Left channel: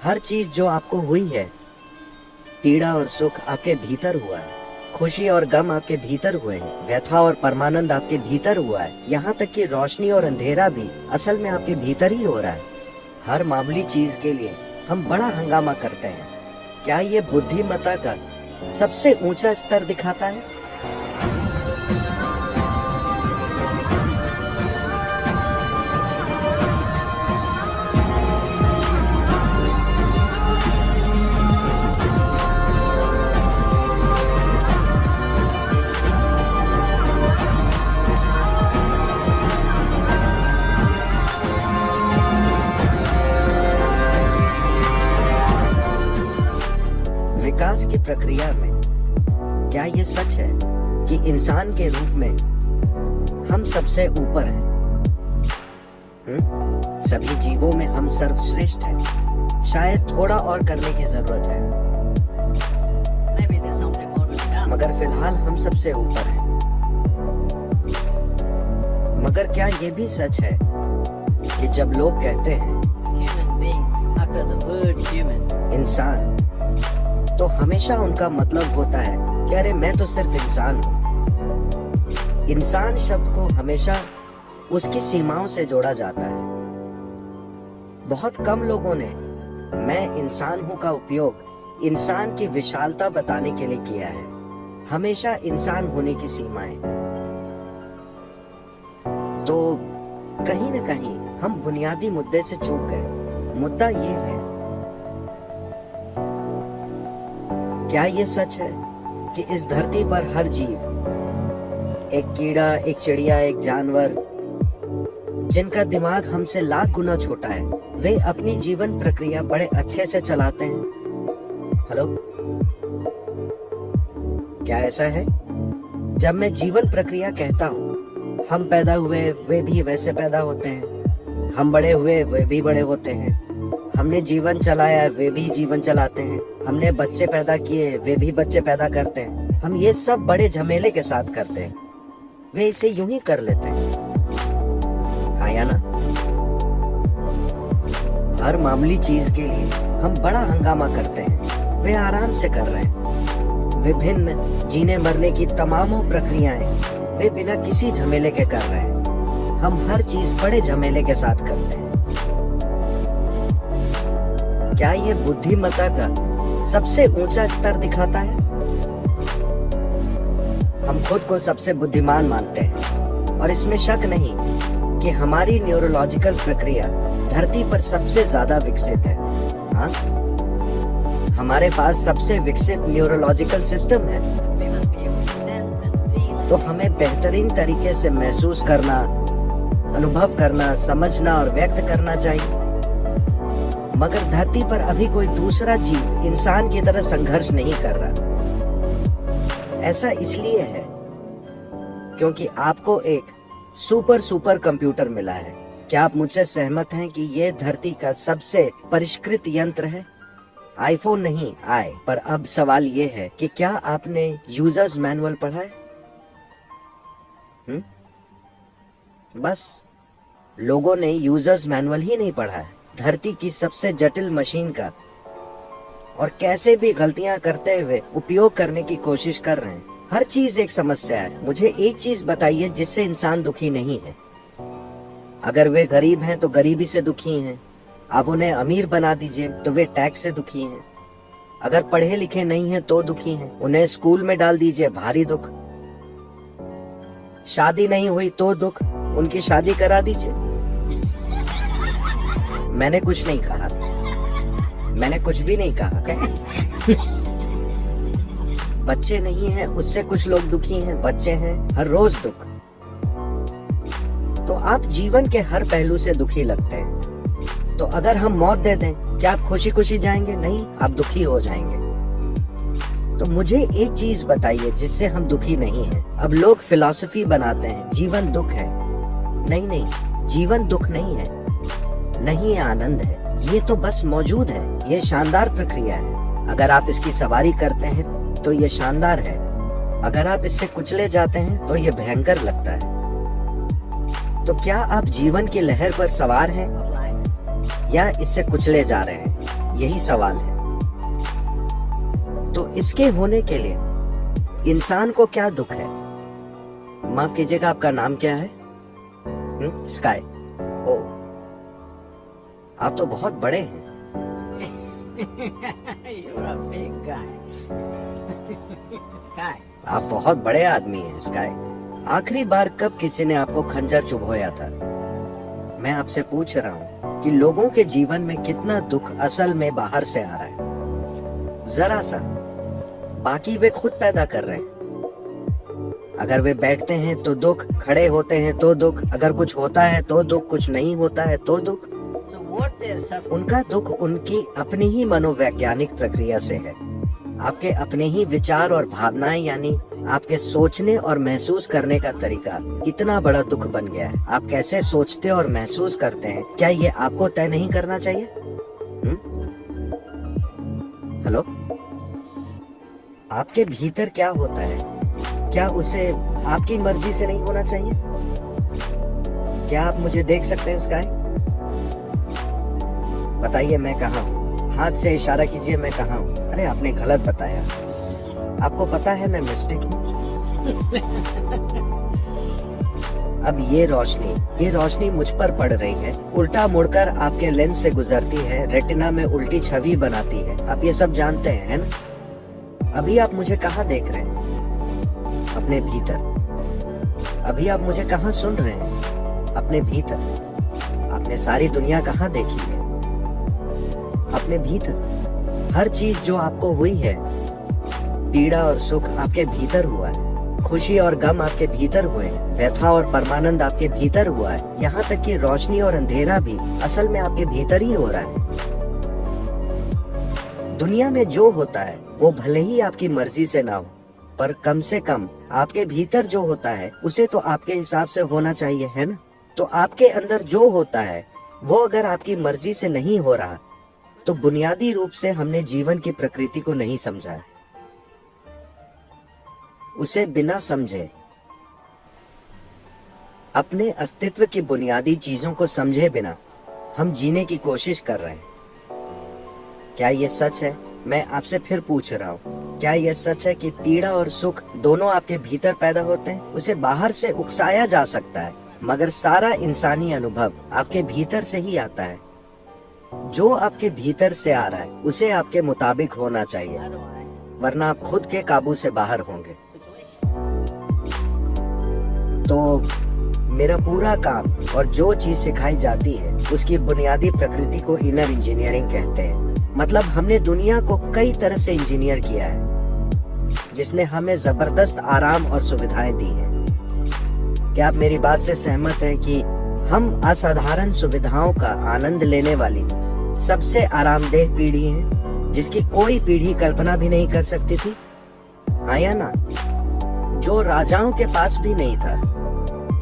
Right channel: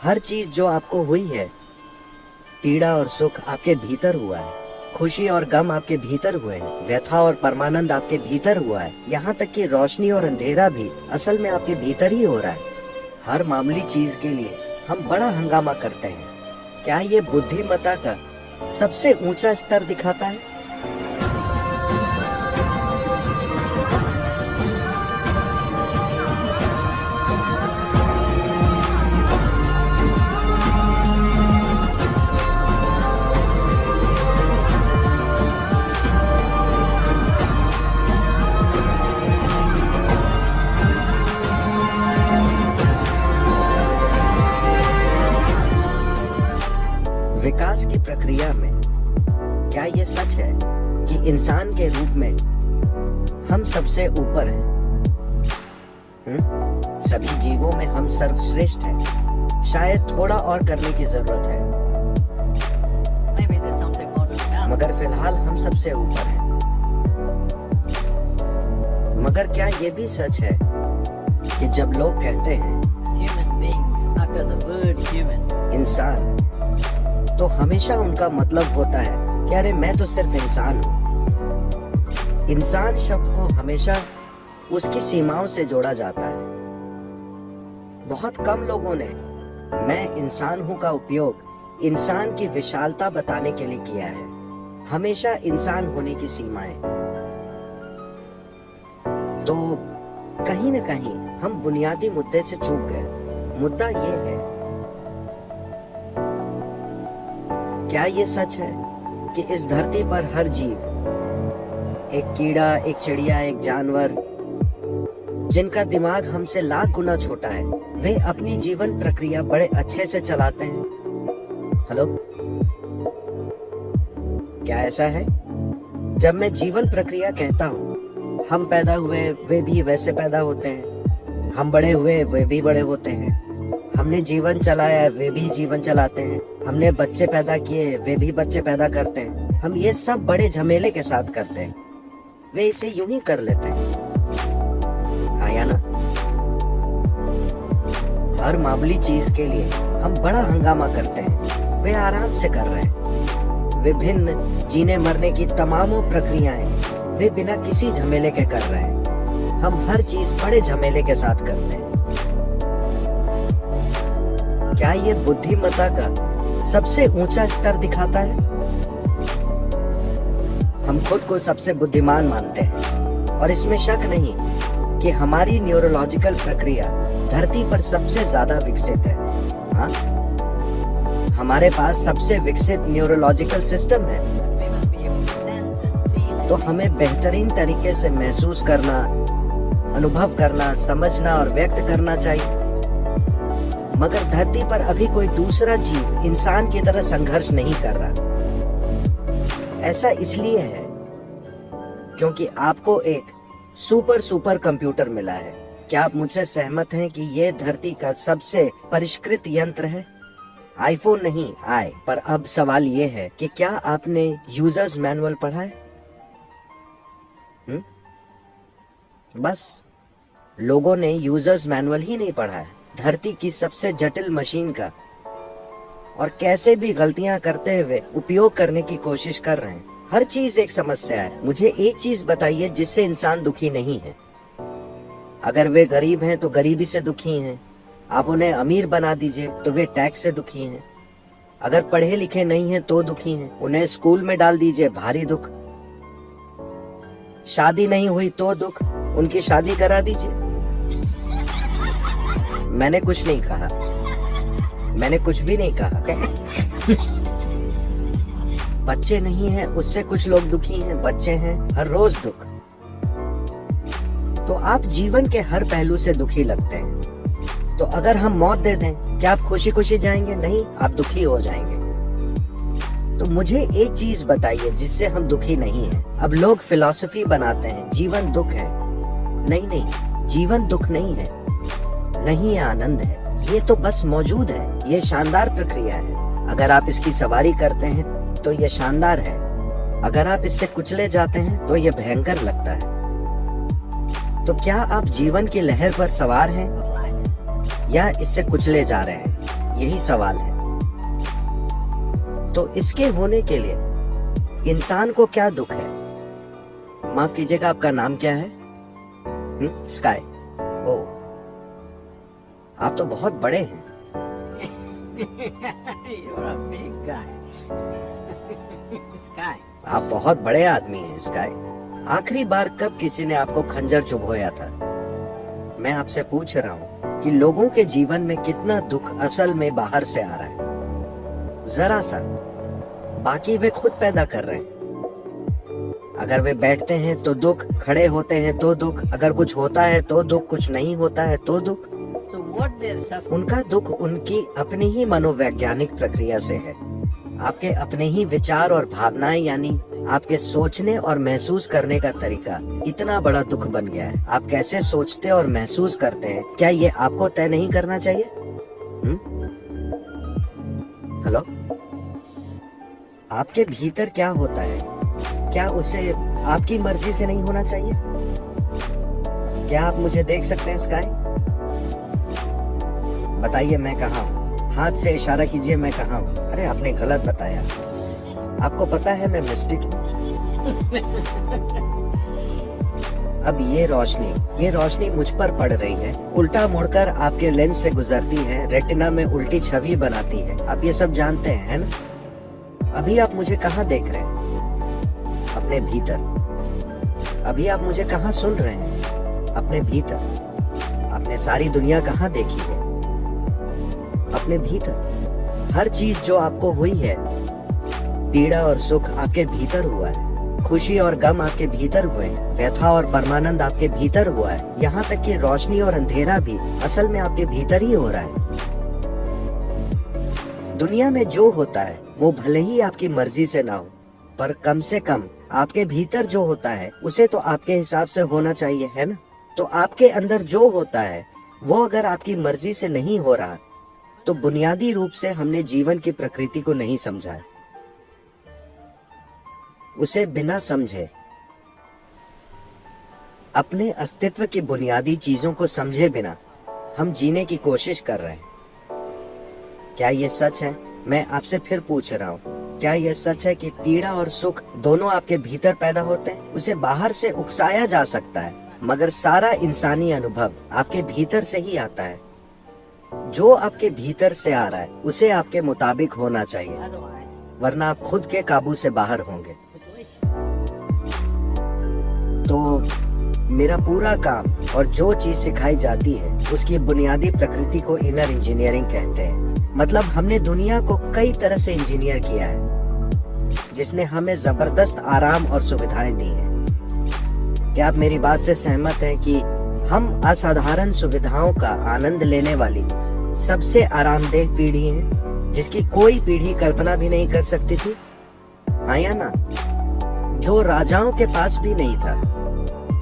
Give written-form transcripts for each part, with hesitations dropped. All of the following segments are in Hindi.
हर चीज जो आपको हुई है, पीड़ा और सुख आपके भीतर हुआ है, खुशी और गम आपके भीतर हुए हैं, व्यथा और परमानंद आपके भीतर हुआ है, यहाँ तक कि रोशनी और अंधेरा भी असल में आपके भीतर ही हो रहा है। हर मामूली चीज के लिए हम बड़ा हंगामा करते हैं। क्या ये बुद्धिमत्ता का सबसे ऊंचा स्तर दिखाता है? विकास की प्रक्रिया में क्या ये सच है कि इंसान के रूप में हम सबसे ऊपर हैं? सभी जीवों में हम सर्वश्रेष्ठ हैं। शायद थोड़ा और करने की जरूरत है, मगर फिलहाल हम सबसे ऊपर हैं। मगर क्या ये भी सच है कि जब लोग कहते हैं इंसान, तो हमेशा उनका मतलब होता है कि अरे मैं तो सिर्फ इंसान हूं। इंसान शब्द को हमेशा उसकी सीमाओं से जोड़ा जाता है। बहुत कम लोगों ने मैं इंसान हूं का उपयोग इंसान की विशालता बताने के लिए किया है। हमेशा इंसान होने की सीमाएं। तो कहीं न कहीं हम बुनियादी मुद्दे से चूक गए। मुद्दा ये है, क्या ये सच है कि इस धरती पर हर जीव, एक कीड़ा, एक चिड़िया, एक जानवर, जिनका दिमाग हमसे लाख गुना छोटा है, वे अपनी जीवन प्रक्रिया बड़े अच्छे से चलाते हैं? हेलो, क्या ऐसा है? जब मैं जीवन प्रक्रिया कहता हूँ, हम पैदा हुए वे भी वैसे पैदा होते हैं, हम बड़े हुए वे भी बड़े होते हैं, हमने जीवन चलाया वे भी जीवन चलाते हैं, हमने बच्चे पैदा किए वे भी बच्चे पैदा करते हैं। हम ये सब बड़े झमेले के साथ करते हैं, वे इसे यूं ही कर लेते हैं। हाँ या ना? हर मामूली चीज के लिए हम बड़ा हंगामा करते हैं, वे आराम से कर रहे हैं। विभिन्न जीने मरने की तमामों प्रक्रियाएं वे बिना किसी झमेले के कर रहे हैं। हम हर चीज बड़े झमेले के साथ करते हैं। क्या ये बुद्धिमत्ता का सबसे ऊंचा स्तर दिखाता है? हम खुद को सबसे बुद्धिमान मानते हैं और इसमें शक नहीं कि हमारी न्यूरोलॉजिकल प्रक्रिया धरती पर सबसे ज्यादा विकसित है। हाँ? हमारे पास सबसे विकसित न्यूरोलॉजिकल सिस्टम है। तो हमें बेहतरीन तरीके से महसूस करना, अनुभव करना, समझना और व्यक्त करना चाहिए। मगर धरती पर अभी कोई दूसरा जीव इंसान की तरह संघर्ष नहीं कर रहा। ऐसा इसलिए है क्योंकि आपको एक सुपर कंप्यूटर मिला है। क्या आप मुझसे सहमत हैं कि यह धरती का सबसे परिष्कृत यंत्र है? आईफोन नहीं आए, पर अब सवाल ये है कि क्या आपने यूजर्स मैनुअल पढ़ा है? बस लोगों ने यूजर्स मैनुअल ही नहीं पढ़ा है। धरती की सबसे जटिल मशीन का और कैसे भी गलतियां करते हुए उपयोग करने की कोशिश कर रहे हैं। हर चीज एक समस्या है। मुझे एक चीज बताइए जिससे इंसान दुखी नहीं है। अगर वे गरीब हैं तो गरीबी से दुखी हैं। आप उन्हें अमीर बना दीजिए तो वे टैक्स से दुखी हैं। अगर पढ़े लिखे नहीं हैं तो दुखी हैं। उन्हें स्कूल में डाल दीजिए, भारी दुख। शादी नहीं हुई तो दुख, उनकी शादी करा दीजिए। मैंने कुछ नहीं कहा, मैंने कुछ भी नहीं कहा। बच्चे नहीं हैं, उससे कुछ लोग दुखी हैं। बच्चे हैं, हर रोज दुख। तो आप जीवन के हर पहलू से दुखी लगते हैं। तो अगर हम मौत दे दें, क्या आप खुशी खुशी जाएंगे? नहीं, आप दुखी हो जाएंगे। तो मुझे एक चीज बताइए जिससे हम दुखी नहीं हैं। अब लोग फिलॉसफी बनाते हैं, जीवन दुख है। नहीं, जीवन दुख नहीं है, नहीं आनंद है। ये तो बस मौजूद है। ये शानदार प्रक्रिया है। अगर आप इसकी सवारी करते हैं तो ये शानदार है। अगर आप इससे कुचले जाते हैं तो ये भयंकर लगता है। तो क्या आप जीवन की लहर पर सवार हैं या इससे कुचले जा रहे हैं? यही सवाल है। तो इसके होने के लिए इंसान को क्या दुख है? माफ कीजिएगा, आपका नाम क्या है? स्काई। ओ, आप तो बहुत बड़े हैं। You're a big guy. Sky. आप बहुत बड़े आदमी हैं स्काई। आखिरी बार कब किसी ने आपको खंजर चुभोया था? मैं आपसे पूछ रहा हूँ कि लोगों के जीवन में कितना दुख असल में बाहर से आ रहा है, जरा सा। बाकी वे खुद पैदा कर रहे हैं। अगर वे बैठते हैं तो दुख, खड़े होते हैं तो दुख, अगर कुछ होता है तो दुख, कुछ नहीं होता है तो दुख। So what they're suffering? उनका दुख उनकी अपनी ही मनोवैज्ञानिक प्रक्रिया से है। आपके अपने ही विचार और भावनाएं, यानी आपके सोचने और महसूस करने का तरीका इतना बड़ा दुख बन गया है। आप कैसे सोचते और महसूस करते हैं, क्या ये आपको तय नहीं करना चाहिए? हेलो, आपके भीतर क्या होता है, क्या उसे आपकी मर्जी से नहीं होना चाहिए? क्या आप मुझे देख सकते हैं स्काई? बताइए मैं कहाँ हूँ? हाथ से इशारा कीजिए, मैं कहाँ हूँ? अरे आपने गलत बताया। आपको पता है मैं मिस्टेक हूँ। अब ये रोशनी मुझ पर पड़ रही है, उल्टा मुड़कर आपके लेंस से गुजरती है, रेटिना में उल्टी छवि बनाती है। आप ये सब जानते हैं, है ना? अभी आप मुझे कहाँ देख रहे हैं? अपने भीतर। अभी आप मुझे कहाँ सुन रहे हैं? अपने भीतर। आपने सारी दुनिया कहाँ देखी है? अपने भीतर। हर चीज जो आपको हुई है, पीड़ा और सुख आपके भीतर हुआ है, खुशी और गम आपके भीतर हुए, व्यथा और परमानंद आपके भीतर हुआ है, यहाँ तक कि रोशनी और अंधेरा भी असल में आपके भीतर ही हो रहा है। दुनिया में जो होता है वो भले ही आपकी मर्जी से ना हो, पर कम से कम आपके भीतर जो होता है उसे तो आपके हिसाब से होना चाहिए, है ना? तो आपके अंदर जो होता है वो अगर आपकी मर्जी से नहीं हो रहा, तो बुनियादी रूप से हमने जीवन की प्रकृति को नहीं समझा है। उसे बिना समझे, अपने अस्तित्व की बुनियादी चीजों को समझे बिना हम जीने की कोशिश कर रहे हैं। क्या ये सच है? मैं आपसे फिर पूछ रहा हूँ, क्या यह सच है कि पीड़ा और सुख दोनों आपके भीतर पैदा होते हैं? उसे बाहर से उकसाया जा सकता है, मगर सारा इंसानी अनुभव आपके भीतर से ही आता है। जो आपके भीतर से आ रहा है उसे आपके मुताबिक होना चाहिए, Otherwise, वरना आप खुद के काबू से बाहर होंगे। तो मेरा पूरा काम और जो चीज सिखाई जाती है उसकी बुनियादी प्रकृति को इनर इंजीनियरिंग कहते हैं। मतलब हमने दुनिया को कई तरह से इंजीनियर किया है, जिसने हमें जबरदस्त आराम और सुविधाएं दी हैं। क्या आप मेरी बात से सहमत हैं कि हम असाधारण सुविधाओं का आनंद लेने वाली सबसे आरामदेह पीढ़ी है, जिसकी कोई पीढ़ी कल्पना भी नहीं कर सकती थी? हाँ या ना? जो राजाओं के पास भी नहीं था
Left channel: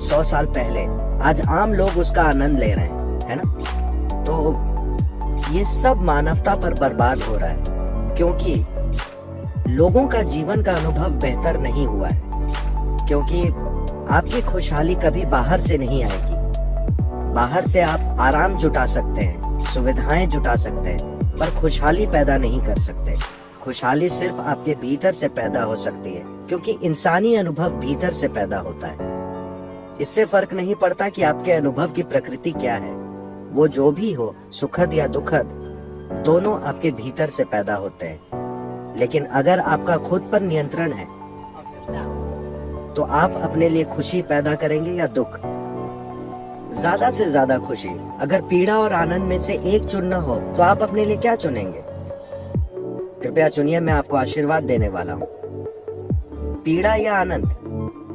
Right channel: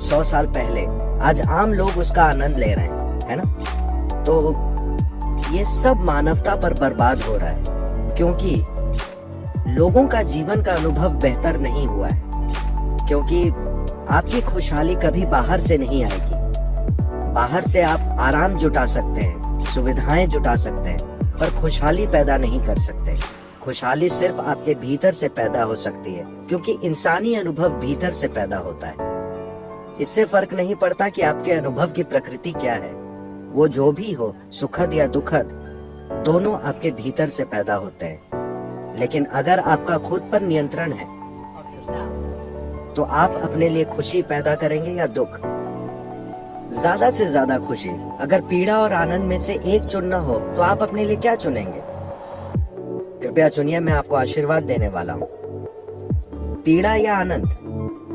100 साल पहले, आज आम लोग उसका आनंद ले रहे हैं, है ना? तो ये सब मानवता पर बर्बाद हो रहा है, क्योंकि लोगों का जीवन का अनुभव बेहतर नहीं हुआ है। क्योंकि आपकी खुशहाली कभी बाहर से नहीं आएगी। बाहर से आप आराम जुटा सकते हैं, सुविधाएं जुटा सकते हैं, पर खुशहाली पैदा नहीं कर सकते। खुशहाली सिर्फ आपके भीतर से पैदा हो सकती है, क्योंकि इंसानी अनुभव भीतर से पैदा होता है। इससे फर्क नहीं पड़ता कि आपके अनुभव की प्रकृति क्या है, वो जो भी हो, सुखद या दुखद, दोनों आपके भीतर से पैदा होते हैं। लेकिन अगर आपका खुद पर नियंत्रण है, of yourself. तो आप अपने लिए खुशी पैदा करेंगे या दुख? ज्यादा से ज्यादा खुशी। अगर पीड़ा और आनंद में से एक चुनना हो तो आप अपने लिए क्या चुनेंगे? कृपया चुनिए, मैं आपको आशीर्वाद देने वाला हूँ। पीड़ा या आनंद?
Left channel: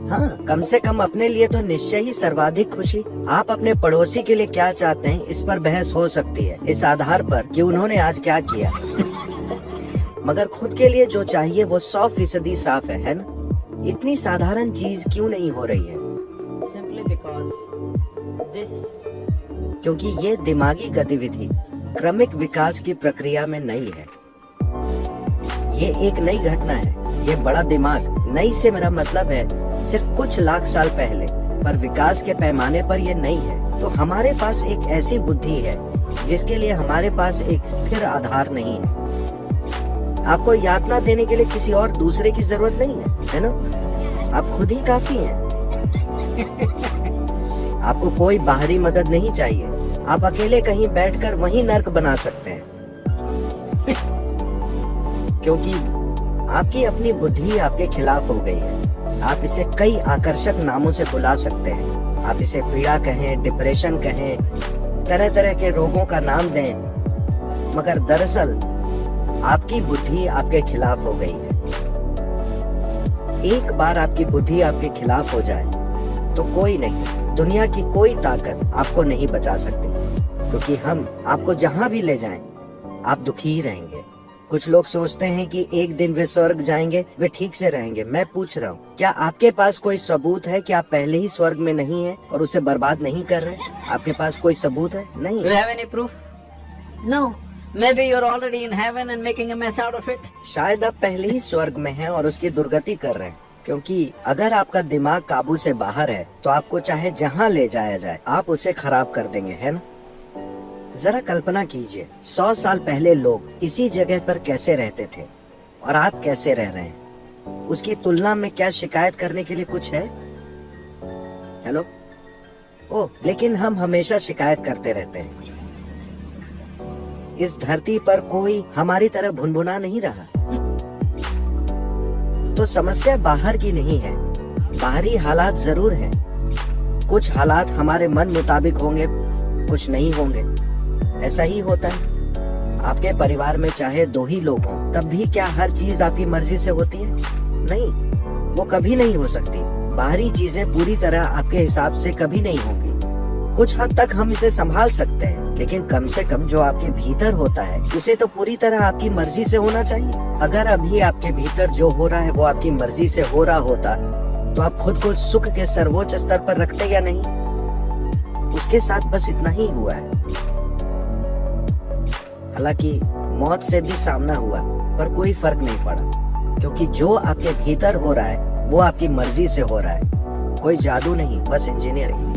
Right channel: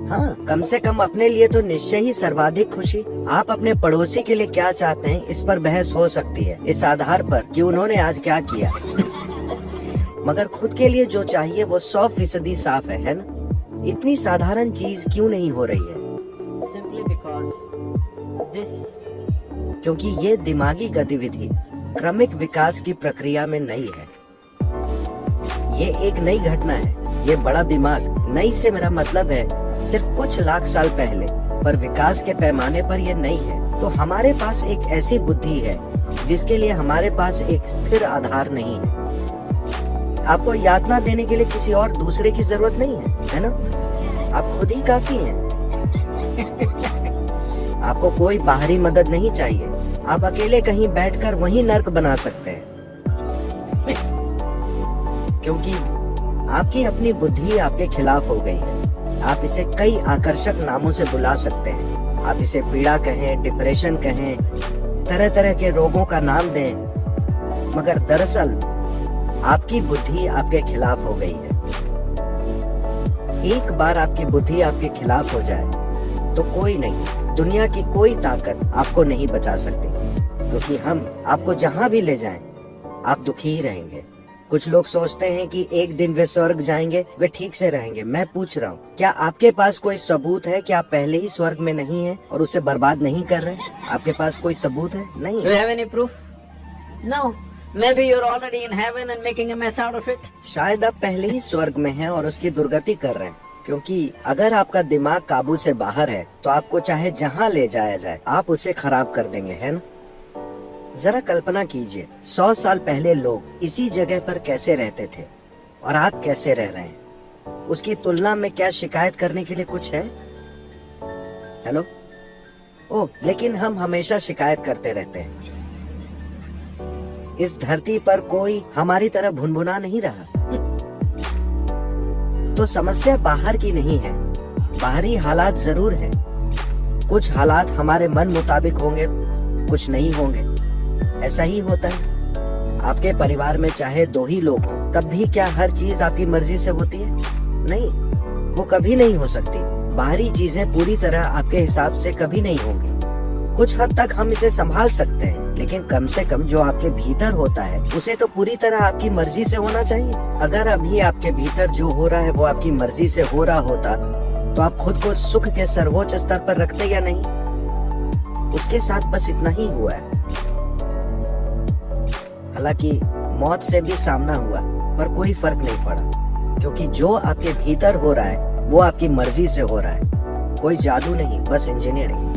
हाँ, कम से कम अपने लिए तो निश्चय ही सर्वाधिक खुशी। आप अपने पड़ोसी के लिए क्या चाहते हैं, इस पर बहस हो सकती है, इस आधार पर कि उन्होंने आज क्या किया। मगर खुद के लिए जो चाहिए वो 100% साफ है ना? इतनी साधारण चीज क्यों नहीं हो रही है? Simply because this क्योंकि ये दिमागी गतिविधि क्रमिक विकास की प्रक्रिया में नई है। ये एक नई घटना है। ये बड़ा दिमाग, नई से मेरा मतलब है सिर्फ कुछ लाख साल पहले, पर विकास के पैमाने पर ये नहीं है। तो हमारे पास एक ऐसी बुद्धि है जिसके लिए हमारे पास एक स्थिर आधार नहीं है। आपको यातना देने के लिए किसी और दूसरे की जरूरत नहीं है ना? आप खुद ही काफी हैं। आपको कोई बाहरी मदद नहीं चाहिए। आप अकेले कहीं बैठकर वहीं नर्क बना सकते हैं, क्योंकि आपकी अपनी बुद्धि आपके खिलाफ हो गई है। आप इसे कई आकर्षक नामों से बुला सकते हैं। आप इसे पीड़ा कहें, डिप्रेशन कहें, तरह तरह के रोगों का नाम दें, मगर दरअसल आपकी बुद्धि आपके खिलाफ हो गई है। एक बार आपकी बुद्धि आपके खिलाफ हो जाए तो कोई नहीं, दुनिया की कोई ताकत आपको नहीं बचा सकती, क्योंकि हम आपको जहां भी ले जाएं, आप दुखी ही रहेंगे। कुछ लोग सोचते हैं कि एक दिन वे स्वर्ग जाएंगे, वे ठीक से रहेंगे। मैं पूछ रहा हूँ, क्या आपके पास कोई सबूत है कि आप पहले ही स्वर्ग में नहीं हैं और उसे बर्बाद नहीं कर रहे? आपके पास कोई सबूत है? नहीं। Do you have any proof? No. Maybe you're already in heaven and making a mess out of it. शायद आप पहले ही स्वर्ग में हैं और उसकी दुर्गति कर रहे हैं, क्योंकि अगर आपका दिमाग काबू से बाहर है तो आपको चाहे जहां ले जाया जाए आप उसे खराब कर देंगे, है ना? जरा कल्पना कीजिए, 100 साल पहले लोग इसी जगह पर कैसे रहते थे और आप कैसे रह रहे हैं। उसकी तुलना में क्या शिकायत करने के लिए कुछ है? हेलो? ओह, लेकिन हम हमेशा शिकायत करते रहते हैं। इस धरती पर कोई हमारी तरह भुनभुना नहीं रहा। तो समस्या बाहर की नहीं है, बाहरी हालात जरूर है। कुछ हालात हमारे मन मुताबिक होंगे, कुछ नहीं होंगे। ऐसा ही होता है। आपके परिवार में चाहे 2 ही लोग हों, तब भी क्या हर चीज आपकी मर्जी से होती है? नहीं, वो कभी नहीं हो सकती। बाहरी चीजें पूरी तरह आपके हिसाब से कभी नहीं होंगी। कुछ हद तक हम इसे संभाल सकते हैं, लेकिन कम से कम जो आपके भीतर होता है उसे तो पूरी तरह आपकी मर्जी से होना चाहिए। अगर अभी आपके भीतर जो हो रहा है वो आपकी मर्जी से हो रहा होता तो आप खुद को सुख के सर्वोच्च स्तर पर रखते या नहीं? उसके साथ बस इतना ही हुआ है। हालांकि मौत से भी सामना हुआ, पर कोई फर्क नहीं पड़ा, क्योंकि जो आपके भीतर हो रहा है वो आपकी मर्जी से हो रहा है। कोई जादू नहीं, बस इंजीनियरिंग।